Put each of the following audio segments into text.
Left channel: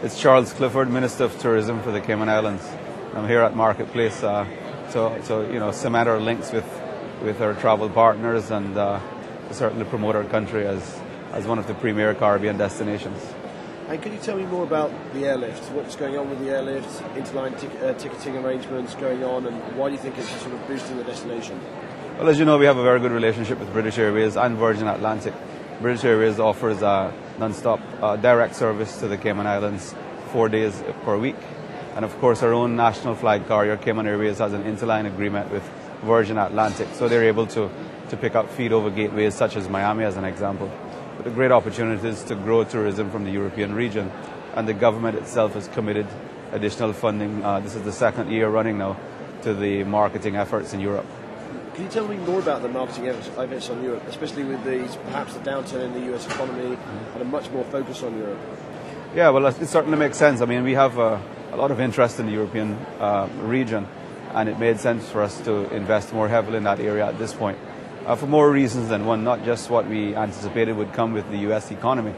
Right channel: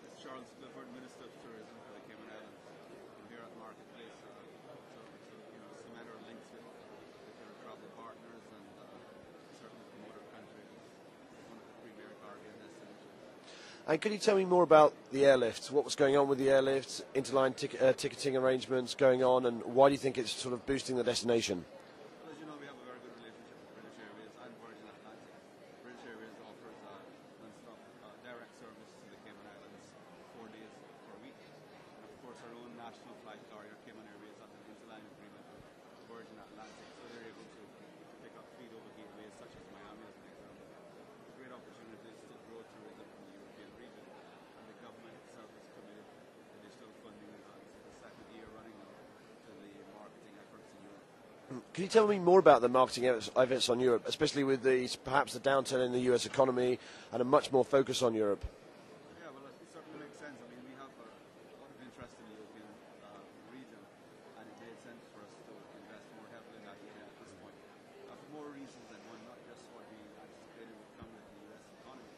It's Charles Clifford, Minister of Tourism for the Cayman Islands. I'm here at Marketplace to cement our links with our travel partners and to certainly promote our country as one of the premier Caribbean destinations. And can you tell me more about the airlift? What's going on with the airlift, interline ticketing arrangements going on, and why do you think it's sort of boosting the destination? Well, as you know, we have a very good relationship with British Airways and Virgin Atlantic. British Airways offers a non-stop direct service to the Cayman Islands 4 days per week. And of course, our own national flag carrier, Cayman Airways, has an interline agreement with Virgin Atlantic. So they're able to pick up feed over gateways such as Miami as an example. But the great opportunities to grow tourism from the European region. And the government itself has committed additional funding. This is the second year running now to the marketing efforts in Europe. Can you tell me more about the marketing efforts on Europe, especially with perhaps the downturn in the US economy and a much more focus on Europe? Yeah, well, it certainly makes sense. I mean, we have a lot of interest in the European region, and it made sense for us to invest more heavily in that area at this point. For more reasons than one, not just what we anticipated would come with the US economy,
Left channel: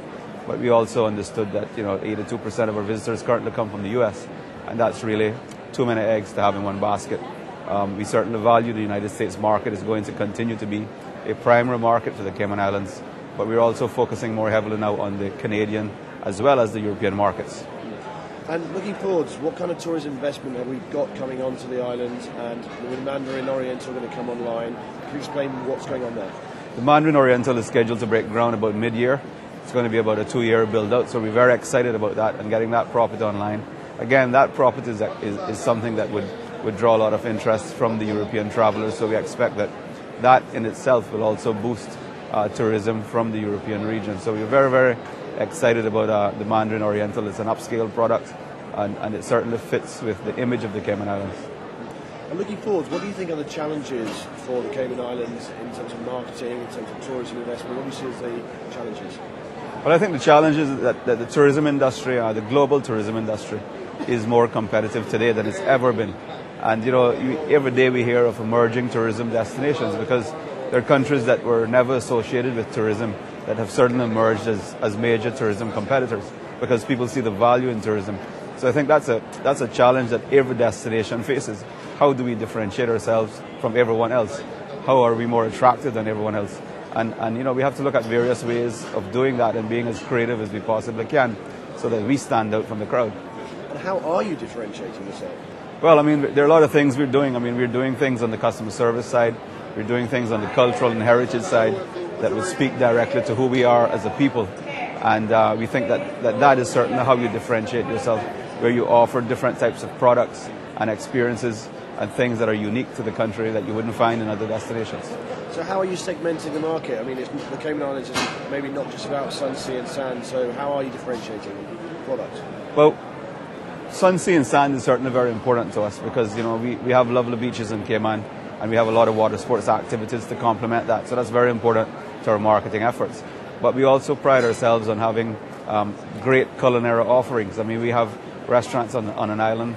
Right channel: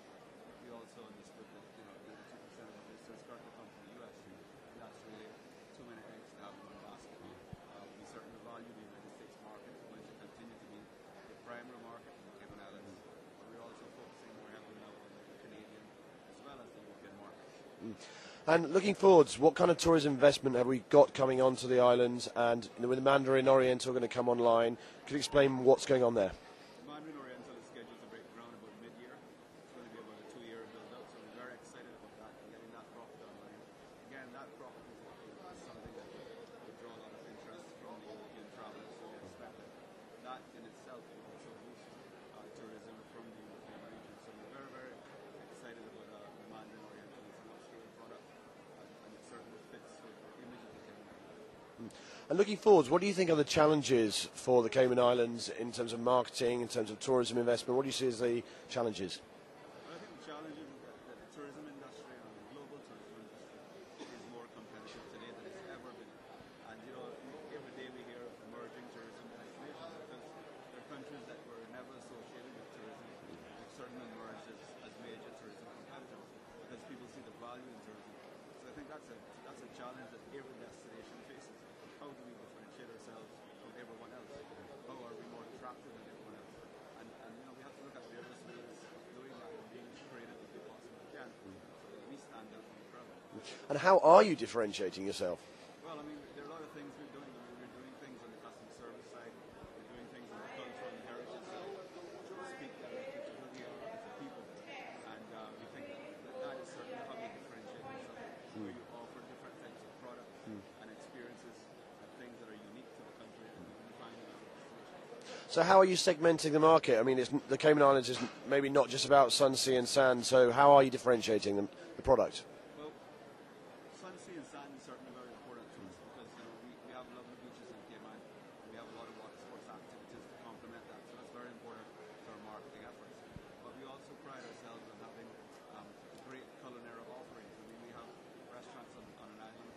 but we also understood that 82% of our visitors currently come from the US, and that's really too many eggs to have in one basket. We certainly value the United States market is going to continue to be a primary market for the Cayman Islands, but we're also focusing more heavily now on the Canadian as well as the European markets. And looking forwards, what kind of tourism investment have we got coming onto the island, and with Mandarin Oriental going to come online? Can you explain what's going on there? The Mandarin Oriental is scheduled to break ground about mid-year. It's going to be about a 2-year build-out, so we're very excited about that and getting that property online. Again, that property is something that would draw a lot of interest from the European travelers, so we expect that in itself will also boost tourism from the European region. So we're very, very excited about the Mandarin Oriental. It's an upscale product, and it certainly fits with the image of the Cayman Islands. And looking forward, what do you think are the challenges for the Cayman Islands in terms of marketing, in terms of tourism investment? What do you see as the challenges? Well, I think the challenge is that the tourism industry, the global tourism industry, is more competitive today than it's ever been. And every day we hear of emerging tourism destinations because there are countries that were never associated with tourism that have certainly emerged as major tourism competitors because people see the value in tourism. So I think that's a challenge that every destination faces. How do we differentiate ourselves from everyone else? How are we more attractive than everyone else? And we have to look at various ways of doing that and being as creative as we possibly can so that we stand out from the crowd. And how are you differentiating yourself? Well, I mean, there are a lot of things we're doing. I mean, we're doing things on the customer service side. We're doing things on the cultural and heritage side that will speak directly to who we are as a people. And we think that is certainly how you differentiate yourself, where you offer different types of products and experiences and things that are unique to the country that you wouldn't find in other destinations. So how are you segmenting the market? I mean, the Cayman Islands is maybe not just about sun, sea and sand, so how are you differentiating the product? Well, sun, sea and sand is certainly very important to us because we have lovely beaches in Cayman and we have a lot of water sports activities to complement that. So that's very important to our marketing efforts. But we also pride ourselves on having great culinary offerings. I mean, we have restaurants on an island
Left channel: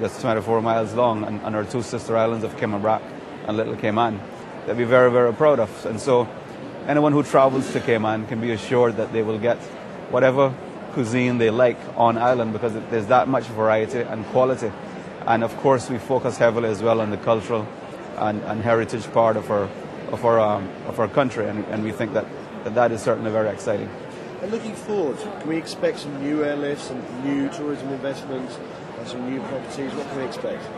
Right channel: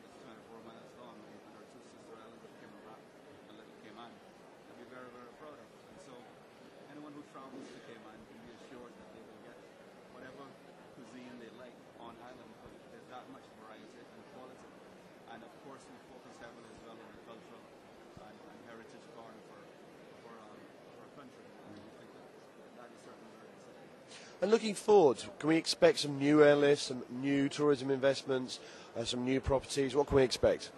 that's 24 miles long and our two sister islands of Cayman Brac and Little Cayman that we're very, very proud of. And so anyone who travels to Cayman can be assured that they will get whatever cuisine they like on island because there's that much variety and quality. And of course we focus heavily as well on the cultural and heritage part of our country, and we think that is certainly very exciting. And looking forward, can we expect some new airlifts, some new tourism investments, and some new properties? What can we expect?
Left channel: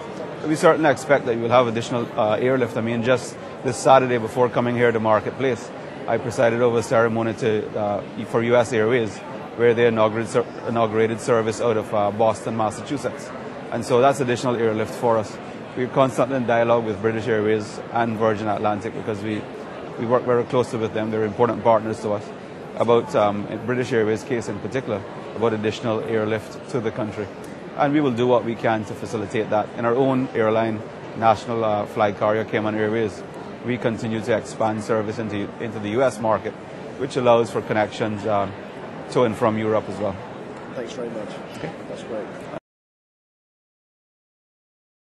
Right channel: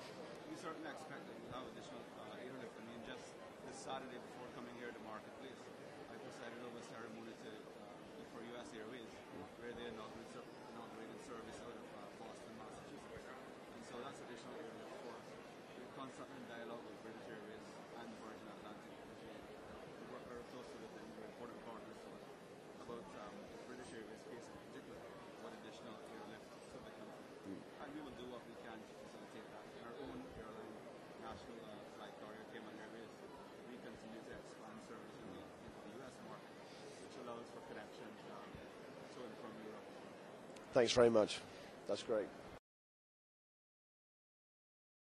We certainly expect that we will have additional airlift. I mean, just this Saturday before coming here to Marketplace, I presided over a ceremony for US Airways, where they inaugurated service out of Boston, Massachusetts. And so that's additional airlift for us. We're constantly in dialogue with British Airways and Virgin Atlantic because we work very closely with them. They're important partners to us about, in British Airways case in particular, about additional airlift to the country. And we will do what we can to facilitate that. In our own airline, national flag carrier, Cayman Airways, we continue to expand service into the US market, which allows for connections to and from Europe as well. Thanks very much. Okay. That's great.